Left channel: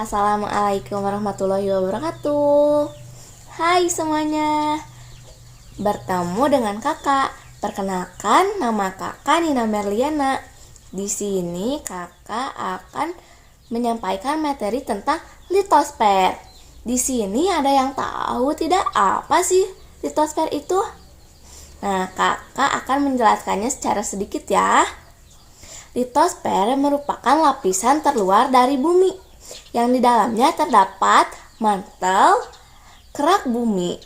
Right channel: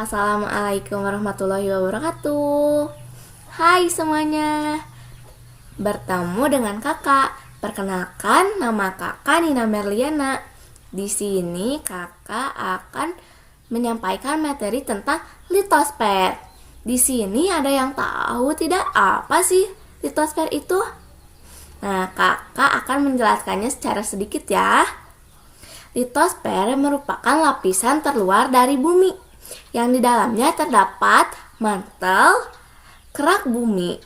Assalamualaikum warahmatullahi wabarakatuh. Hai semuanya, bertemu dengan kakak. Perkenalkan, nama kakak Nina Merliana. Di sini kakak akan menyampaikan materi tentang litosfer. Di sini ada yang tahu tidak apa sih litosfer itu? Nah, kakak akan menjelaskannya secara sedikit ya. Litosfer merupakan lapisan terluar dari bumi yang di dalamnya terdapat mantel kerak bumi.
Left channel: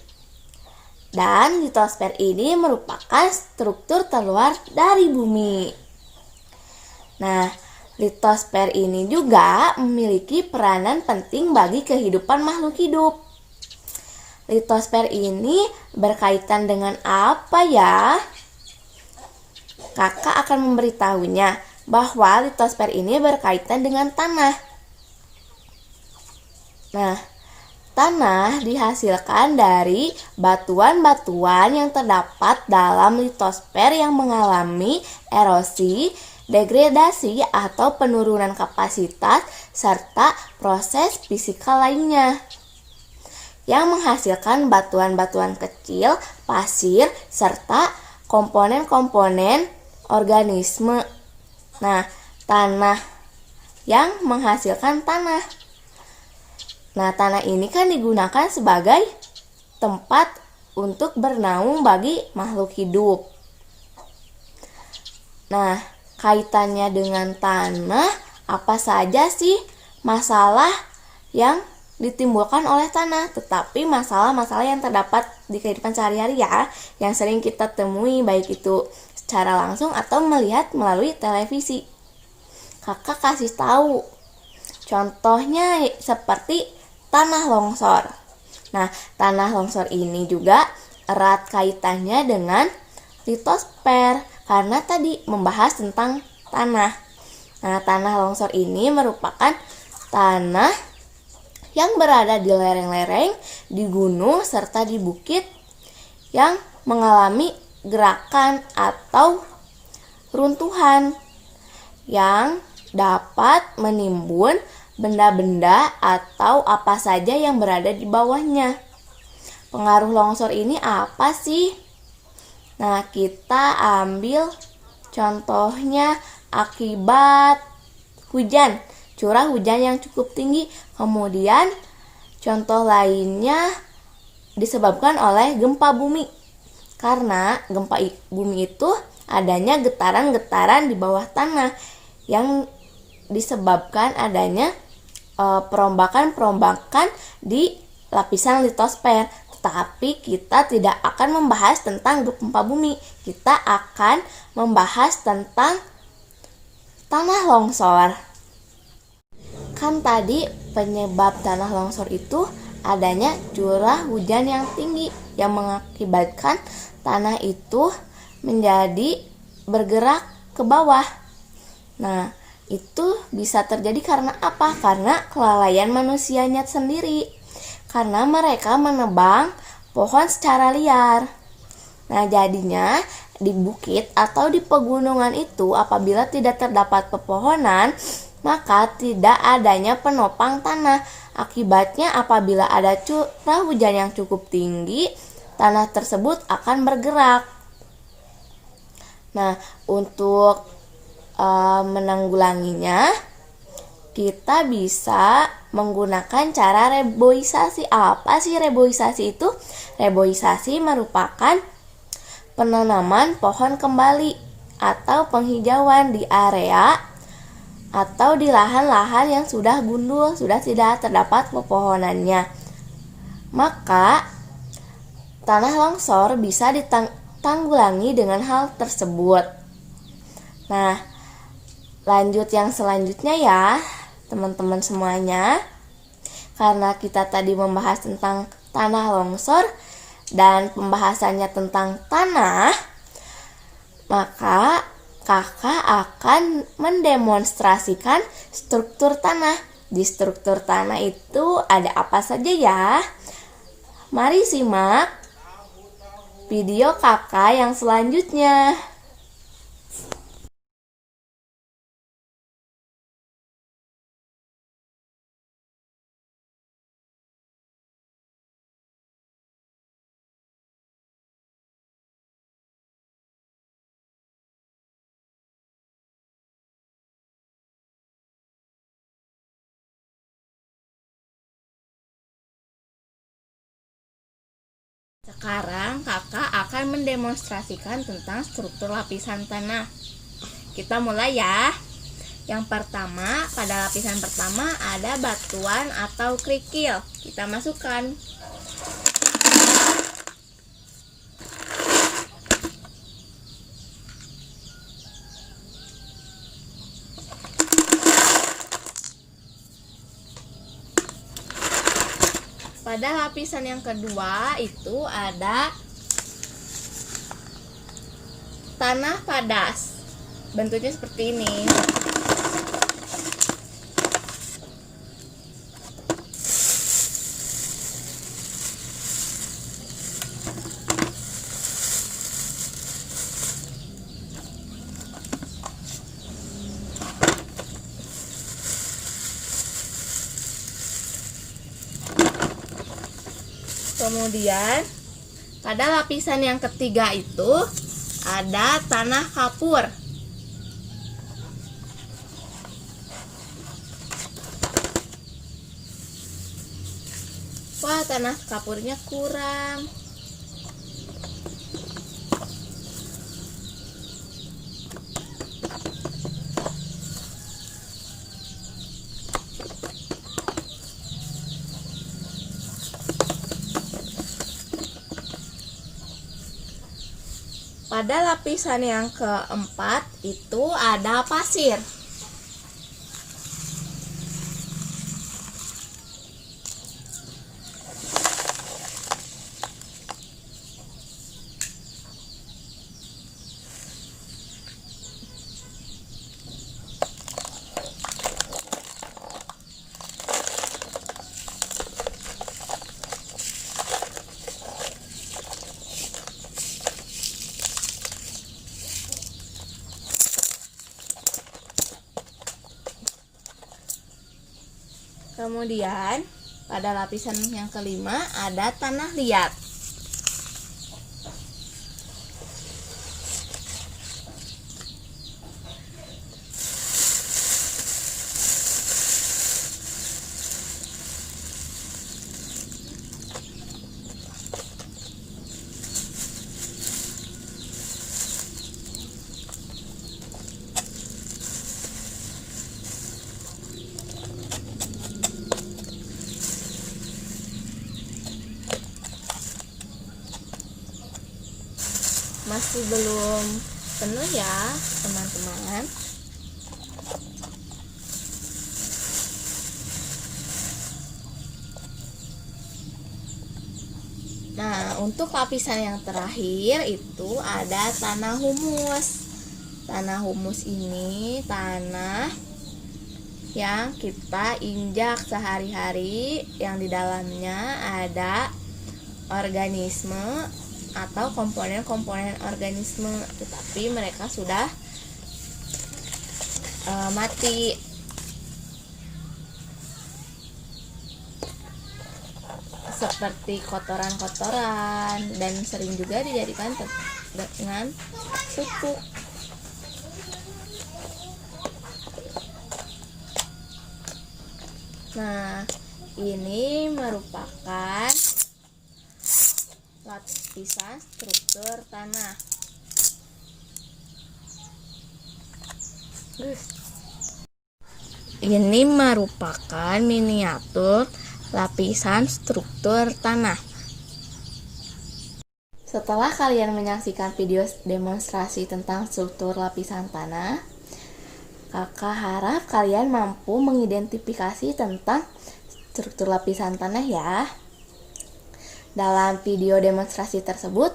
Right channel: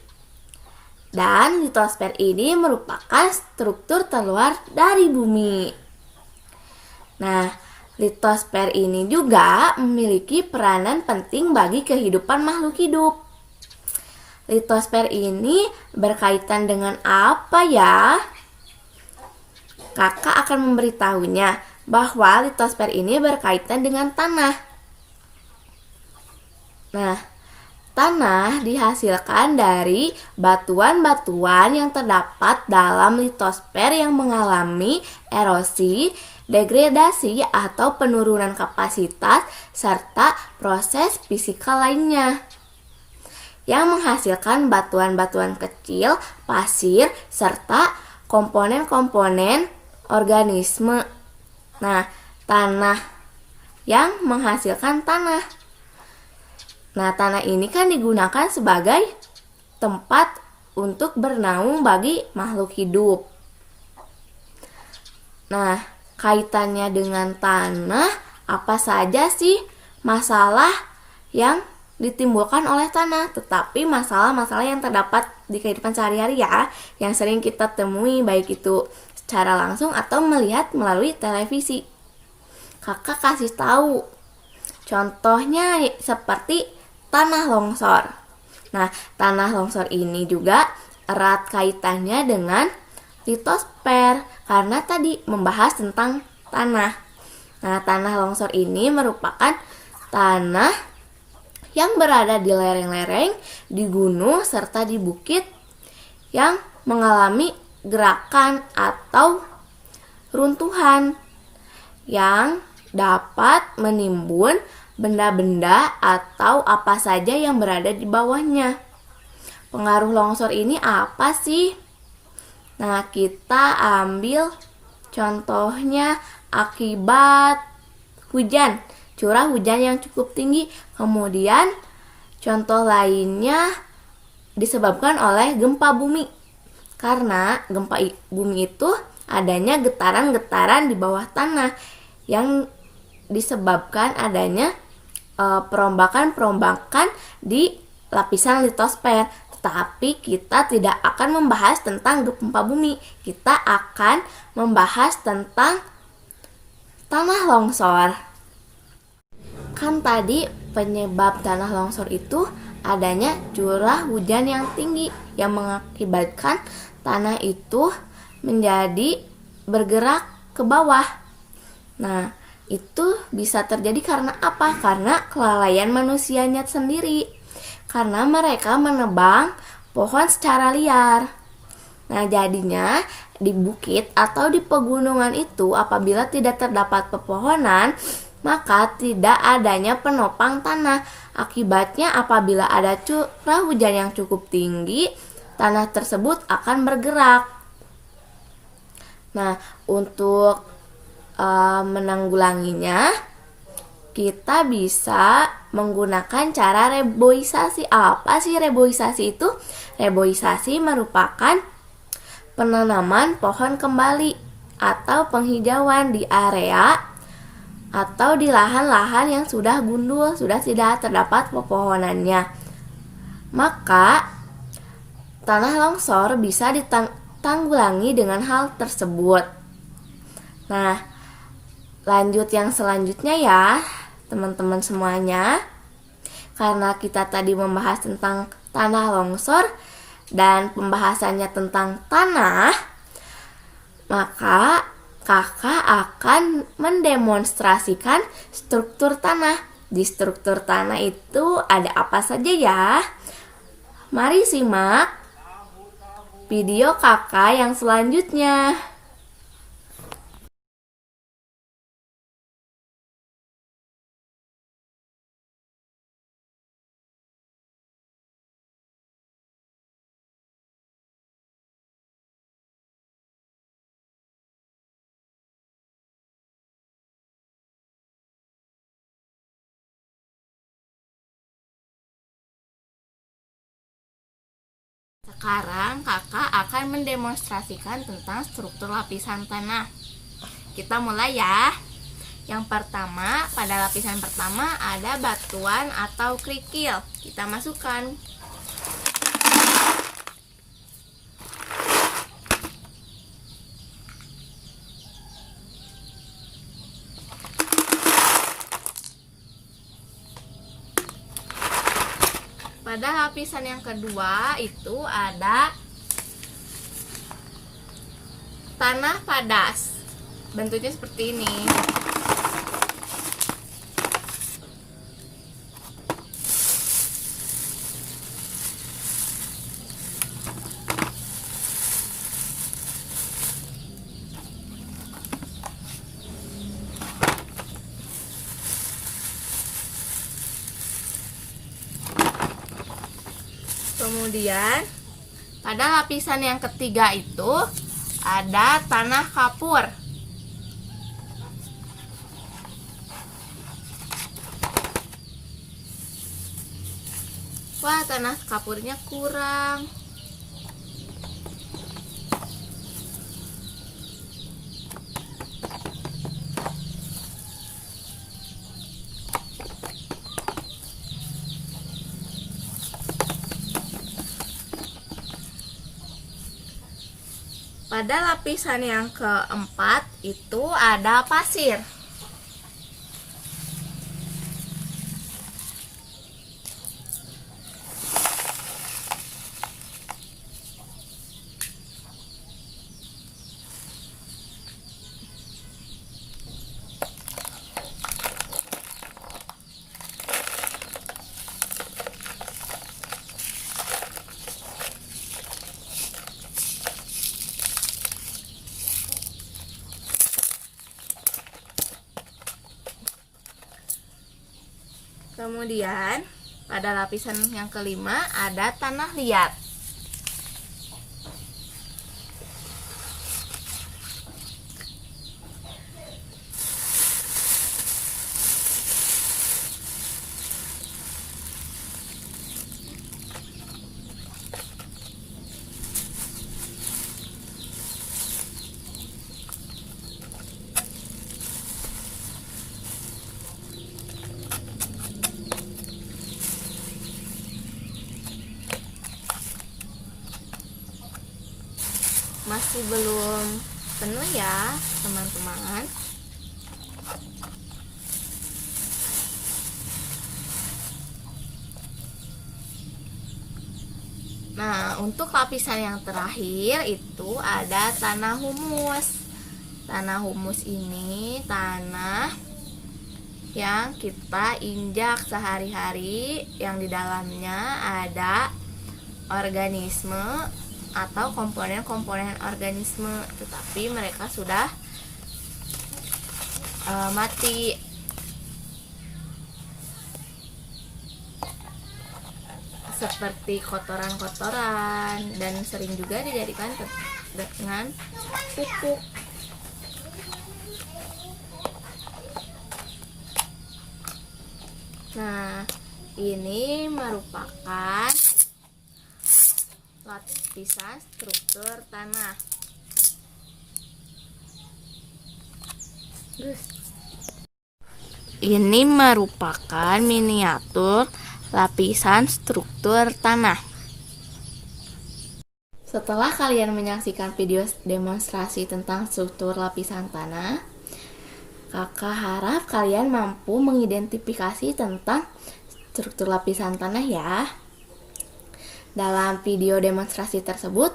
Dan litosfer ini merupakan struktur terluar dari bumi. Nah, litosfer ini juga memiliki peranan penting bagi kehidupan makhluk hidup. Litosfer ini berkaitan dengan apa ya? Kakak akan memberitahunya bahwa litosfer ini berkaitan dengan tanah. Nah, tanah dihasilkan dari batuan-batuan yang terdapat dalam litosfer yang mengalami erosi, degradasi atau penurunan kapasitas serta proses fisikal lainnya yang menghasilkan batuan-batuan kecil, pasir, serta komponen-komponen organisme. Nah, tanah yang menghasilkan tanah. Nah, tanah ini kan digunakan sebagai tempat untuk bernaung bagi makhluk hidup. Nah, kaitannya dengan tanah, apa saja sih masalah yang ditimbulkan oleh tanah? Tetapi masalah-masalah yang terdapat di kehidupan sehari-hari ya, yang sering kita temui baik itu secara langsung atau melihat melalui televisi. Kakak kasih tahu. Contohnya seperti tanah longsor. Nah, tanah longsor ini juga erat kaitannya dengan litosfer karena tadi membahas tentang tanah. Nah, tanah longsor ini merupakan tanah yang berada di lereng-lereng, di gunung, serta di bukit yang mengalami gerakan atau runtuhan yang dapat menimbun benda-benda atau apa saja yang berada di bawahnya. Pengaruh longsor ini apa sih? Nah, kita ambil contohnya akibat hujan, curah hujan yang cukup tinggi. Kemudian contoh lainnya disebabkan oleh gempa bumi. Karena gempa bumi itu adanya getaran-getaran di bawah tanah yang disebabkan adanya perombakan-perombakan di lapisan litosfer. Tetapi kita tidak akan membahas tentang gempa bumi. Kita akan membahas tentang tanah longsor. Kan tadi penyebab tanah longsor itu adanya curah hujan yang tinggi yang mengakibatkan tanah itu menjadi bergerak ke bawah. Nah, itu bisa terjadi karena apa? Karena kelalaian manusianya sendiri. Karena mereka menebang pohon secara liar. Nah, jadinya di bukit atau di pegunungan itu apabila tidak terdapat pepohonan, maka tidak adanya penopang tanah. Akibatnya apabila ada curah hujan yang cukup tinggi, tanah tersebut akan bergerak. Nah, untuk menanggulanginya, kita bisa menggunakan cara reboisasi. Apa sih reboisasi itu? Reboisasi merupakan penanaman pohon kembali atau penghijauan di area atau di lahan-lahan yang sudah gundul, sudah tidak terdapat pepohonannya. Maka tanah longsor bisa ditanggulangi dengan hal tersebut. Nah, lanjut yang selanjutnya ya, teman-teman semuanya. Karena kita tadi membahas tentang tanah longsor dan pembahasannya tentang tanah, maka kakak akan mendemonstrasikan struktur tanah. Di struktur tanah itu ada apa saja ya? Mari simak video kakak yang selanjutnya. Sekarang kakak akan mendemonstrasikan tentang struktur lapisan tanah. Kita mulai ya. Yang pertama, pada lapisan pertama ada batuan atau kerikil. Kita masukkan. Pada lapisan yang kedua itu ada tanah padas. Bentuknya seperti ini. Kemudian pada lapisan yang ketiga itu ada tanah kapur. Wah, tanah kapurnya kurang. Pada lapisan yang keempat itu ada pasir. Kemudian pada lapisan yang kelima ada tanah liat. Masih belum penuh ya teman-teman. Nah, untuk lapisan yang terakhir itu ada tanah humus. Tanah humus ini tanah yang kita injak sehari-hari, yang di dalamnya ada organisme atau komponen-komponen organisme, tetapi mereka sudah mati. Seperti kotoran-kotoran, dan sering juga dijadikan dengan pupuk. Nah, ini merupakan lapisan struktur tanah. Ini merupakan miniatur lapisan struktur tanah. Setelah kalian menyaksikan video demonstrasi tentang struktur lapisan tanah, kakak harap kalian mampu mengidentifikasi tentang struktur lapisan tanah ya. Dalam video demonstrasi tersebut,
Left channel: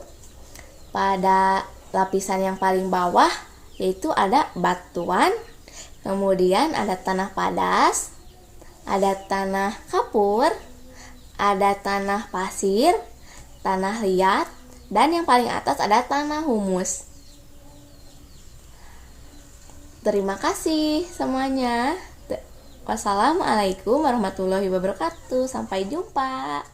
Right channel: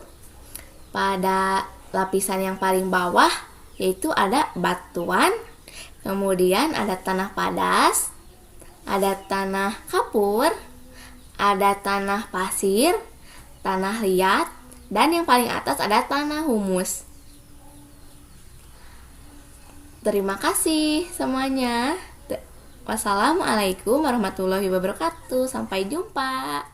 pada lapisan yang paling bawah yaitu ada batuan, kemudian ada tanah padas, ada tanah kapur, ada tanah pasir, tanah liat, dan yang paling atas ada tanah humus. Terima kasih semuanya. Wassalamualaikum warahmatullahi wabarakatuh. Sampai jumpa.